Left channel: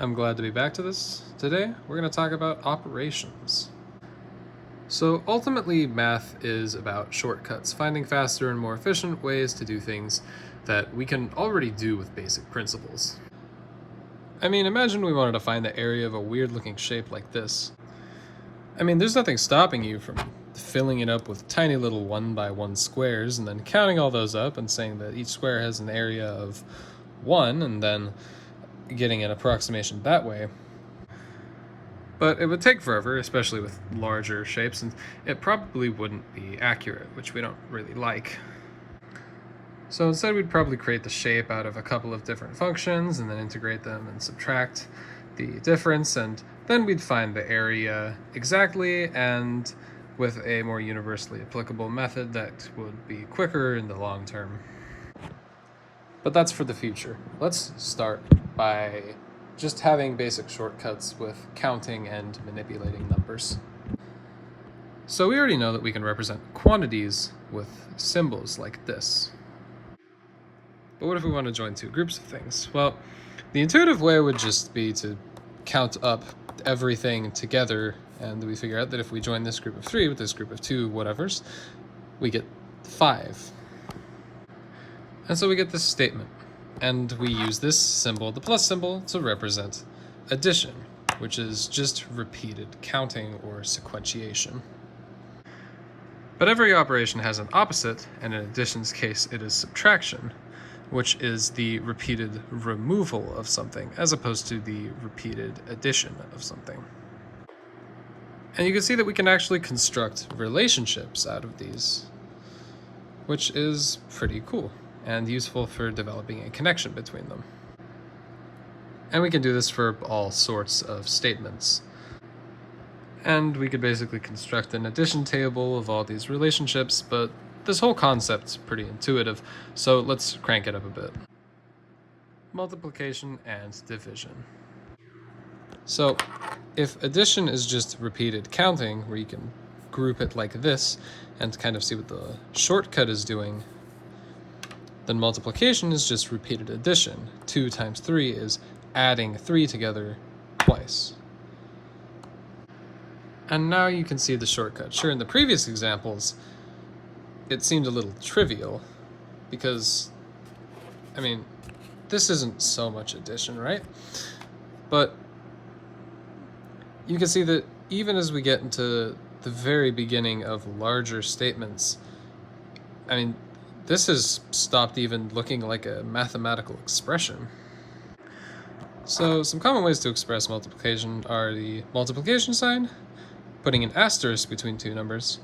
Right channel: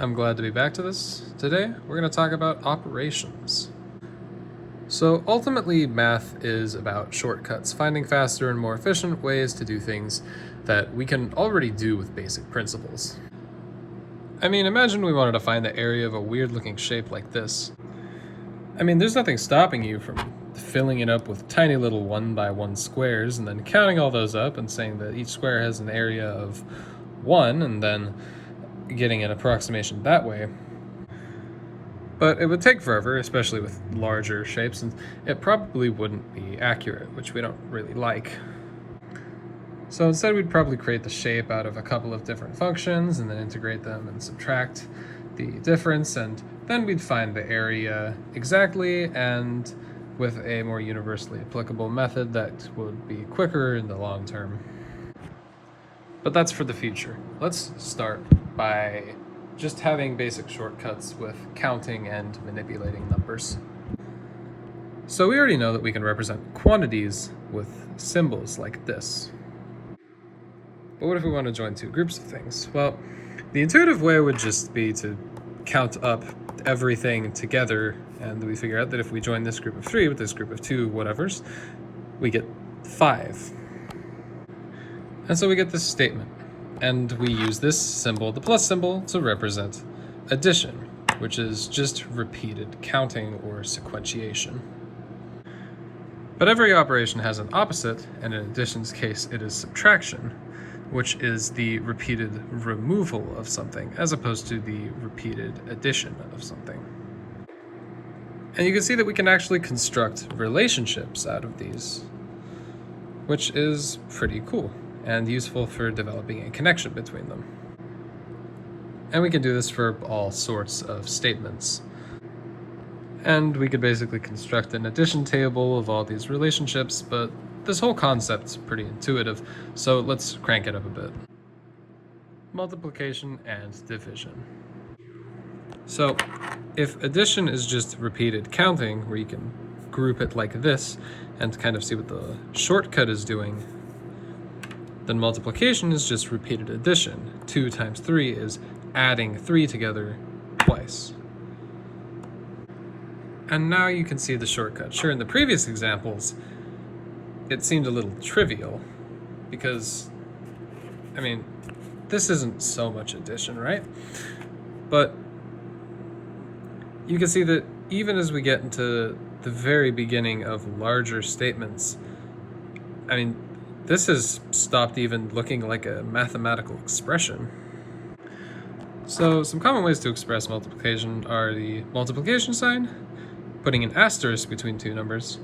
I'm glad to be back to this. Today, we're going to talk about operations. So ultimately, math is about shortcuts, finding faster and more efficient ways to do things that we can already do with basic principles. I mean, imagine we wanted to find the area of a weird looking shape like this. I mean, there's nothing stopping you from filling it up with tiny little 1x1 squares and then counting all those up and saying that each square has an area of 1 and then getting an approximation that way. But it would take forever, especially with larger shapes, and it probably wouldn't be accurate, which we don't really like. So instead we'd probably create the shape out of a couple of different functions and then integrate them and subtract the difference, and then we'd find the area exactly and with a more universally applicable method that would be quicker in the long term. But that's for the future. Let's start by just having basic shortcuts with counting and manipulating numbers. So we already know that we can represent quantities with symbols like this. But what if we want to join two groups of things? Well, the intuitive way would just be to count up everything together, and we figure out that if we join this group of 3 with this group of 2 whatevers, we get 5. And so we get this statement, and we use this symbol, the plus symbol, to represent addition, which is just repeated counting or sequentiation. But every operation has an opposite, and in addition's case it is subtraction, which is the repeated removal of something as opposed to the repeated addition of something. And you can see that we can actually construct relationships out of these, which is pretty cool and useful for developing a connection between them. And we can do this for all sorts of statements. And we could basically construct an addition table of all these relationships, but this whole concept's pretty intuitive, so let's crank it up a bit. Multiplication and division. So if addition is just repeated counting, where you can group it like this and kind of see what the shortcut is doing, then multiplication is just repeated addition. 2 times 3 is adding 3 together twice. And now you can see the shortcut. Sure, in the previous examples, it seemed a little trivial because, I mean, this isn't so much addition, right? But you can see that even as we get into the very beginning of larger statements, I mean, this has stopped even looking like a mathematical expression. So some common ways to express multiplication are the multiplication sign, putting an asterisk between two numbers,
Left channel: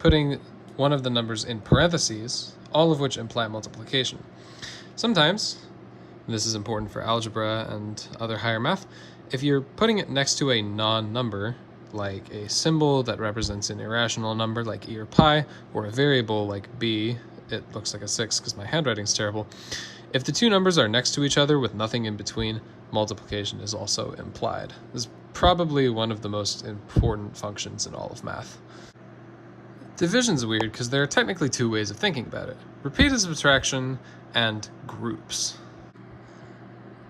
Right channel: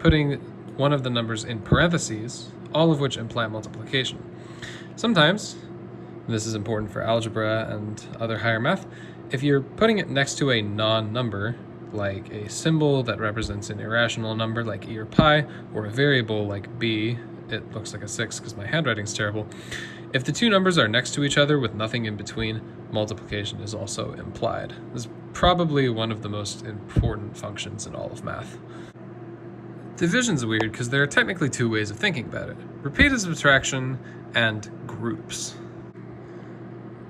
putting one of the numbers in parentheses, all of which imply multiplication. Sometimes, and this is important for algebra and other higher math, if you're putting it next to a non-number, like a symbol that represents an irrational number like e or pi, or a variable like b, it looks like a 6 because my handwriting's terrible. If the two numbers are next to each other with nothing in between, multiplication is also implied. This is probably one of the most important functions in all of math. Division's weird because there are technically two ways of thinking about it: repeated subtraction and groups.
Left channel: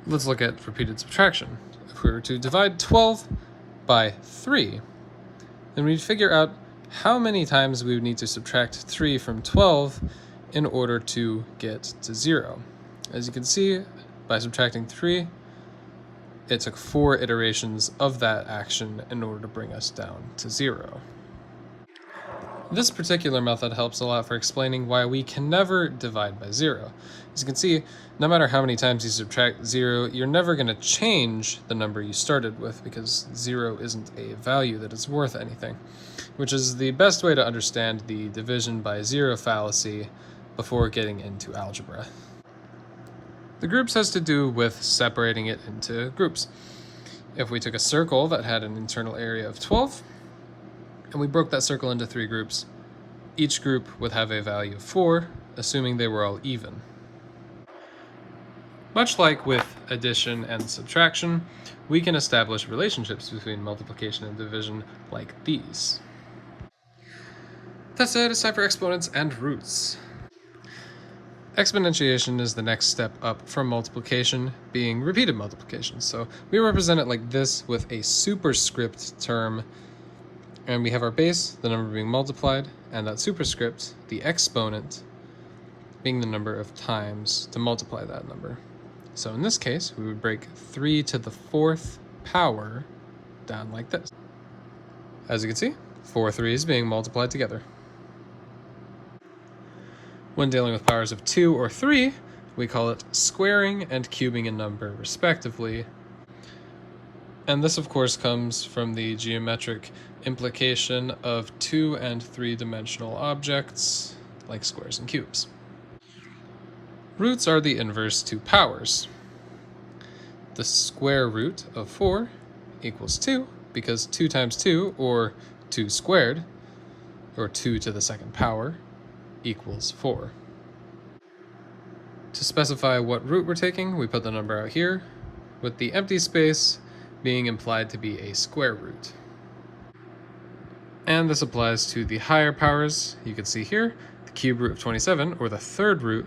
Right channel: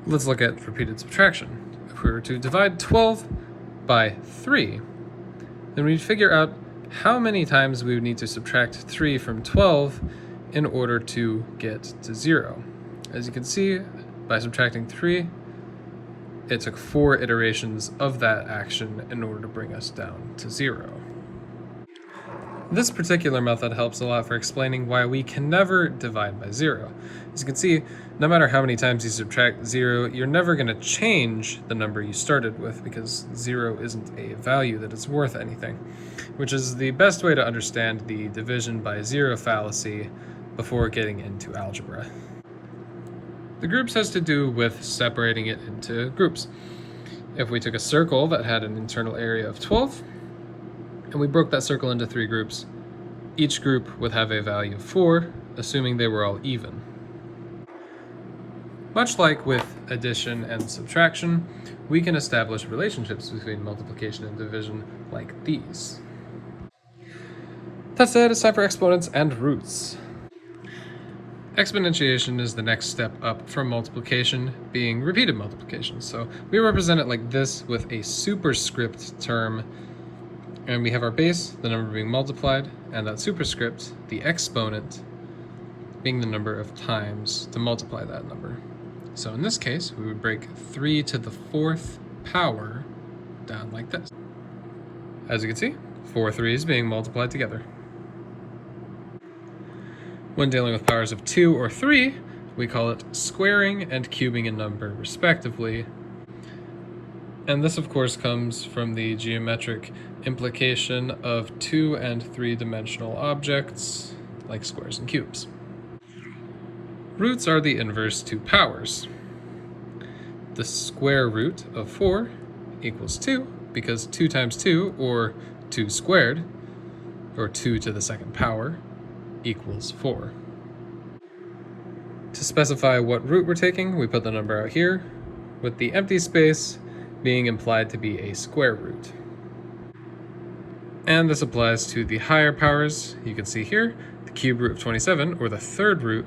Let's look at repeated subtraction. If we were to divide 12 by 3, then we'd figure out how many times we would need to subtract 3 from 12 in order to get to 0. As you can see, by subtracting 3, it took 4 iterations of that action in order to bring us down to 0. This particular method helps a lot for explaining why we can never divide by 0. As you can see, no matter how many times you subtract 0, you're never going to change the number you started with because 0 isn't a value that is worth anything, which is the best way to understand the division by 0 fallacy before getting into algebra. The groups has to do with separating it into groups. If we took a circle that had an internal area of 12, and we broke that circle into 3 groups, each group would have a value of 4, assuming they were all even. Much like with addition and subtraction, we can establish relationships between multiplication and division like these. That said, it's time for exponents and roots. Exponentiation is the next step up from multiplication, being repeated multiplication. So we represent it like this with a superscript term, and we have our base, the number being multiplied, and that superscript, the exponent, being the number of times to multiply that number. So in this case, we would break 3 to the 4th power down like this. As you can see, 4 3's being multiplied together. When dealing with powers of 2 or 3, we call it squaring and cubing a number, respectively. And this, of course, comes from the geometric implication of 2 and 3-dimensional objects, like squares and cubes. Roots are the inverse to powers. The square root of 4 equals 2, because 2 times 2, or 2 squared, or 2 to the 2nd power, equals 4. To specify what root we're taking, we put the number out here, with the empty space being implied to be a square root. And this applies to the higher powers. You can see here, the cube root of 27, or the third root,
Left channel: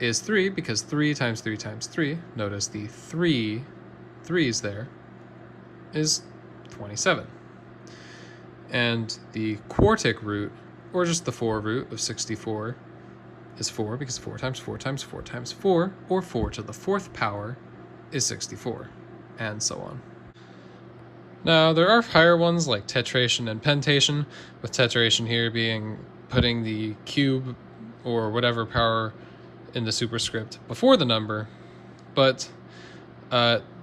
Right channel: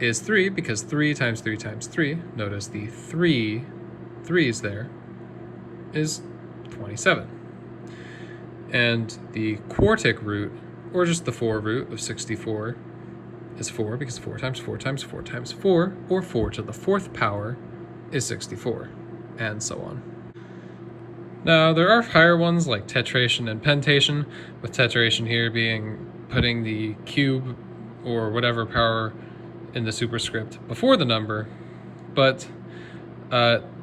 is 3, because 3 times 3 times 3, notice the 3 threes there, is 27. And the quartic root, or just the 4 root of 64, is 4, because 4 times 4 times 4 times 4, or 4 to the 4th power, is 64, and so on. Now, there are higher ones like tetration and pentation, with tetration here being putting the cube or whatever power in the superscript before the number, but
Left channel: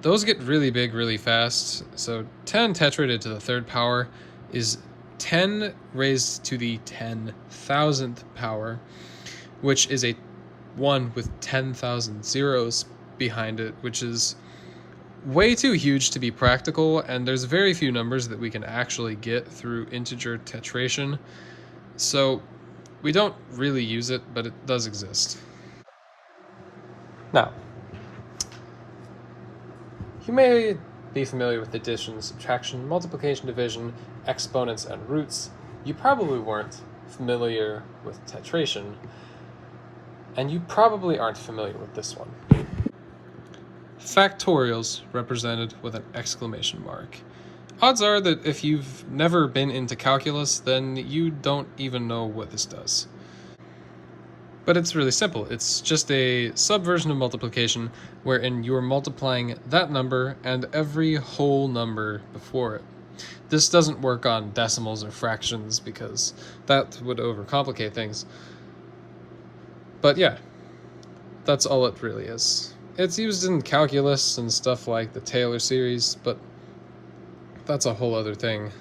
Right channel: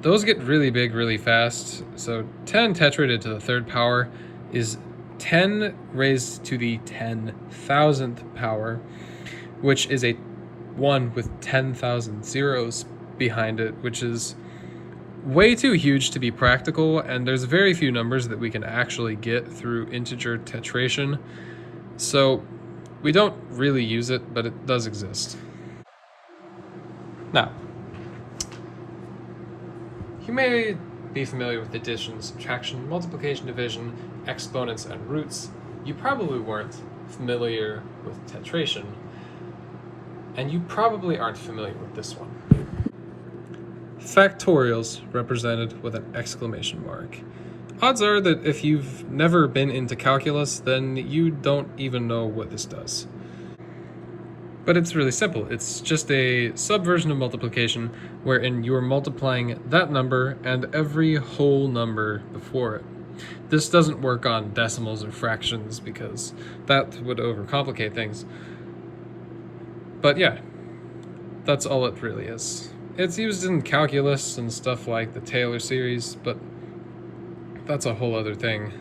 those get really big really fast. So 10 tetrated to the 3rd power is 10 raised to the 10,000th power, which is a 1 with 10,000 zeros behind it, which is way too huge to be practical, and there's very few numbers that we can actually get through integer tetration, so we don't really use it, but it does exist. Now, you may be familiar with addition, subtraction, multiplication, division, exponents, and roots. You probably weren't familiar with tetration, and you probably aren't familiar with this one. Factorials represented with an exclamation mark. Odds are that if you've never been into calculus, then you don't even know what this does. But it's really simple. It's just a subversion of multiplication wherein you're multiplying that number and every whole number before it. This doesn't work on decimals or fractions because that would overcomplicate things. But yeah, that's all it really is. It's used in calculus and stuff like the Taylor series, but that's a whole other thing.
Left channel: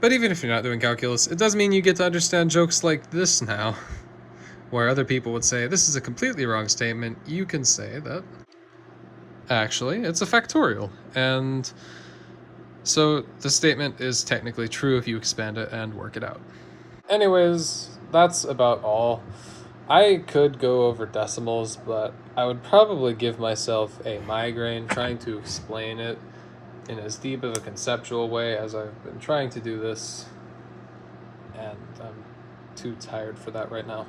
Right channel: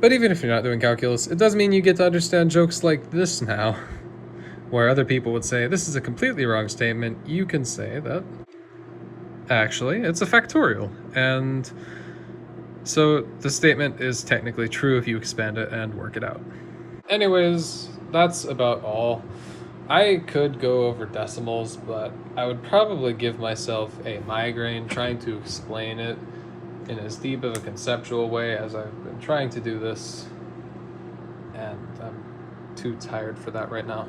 But even if you're not doing calculus, it does mean you get to understand jokes like this now. Where other people would say, this is a completely wrong statement, you can say that actually it's a factorial. And so the statement is technically true if you expand it and work it out. Anyways, that's about all. I could go over decimals, but I would probably give myself a migraine trying to explain it in as deep of a conceptual way as I've been trying to do this, and I'm too tired for that right now.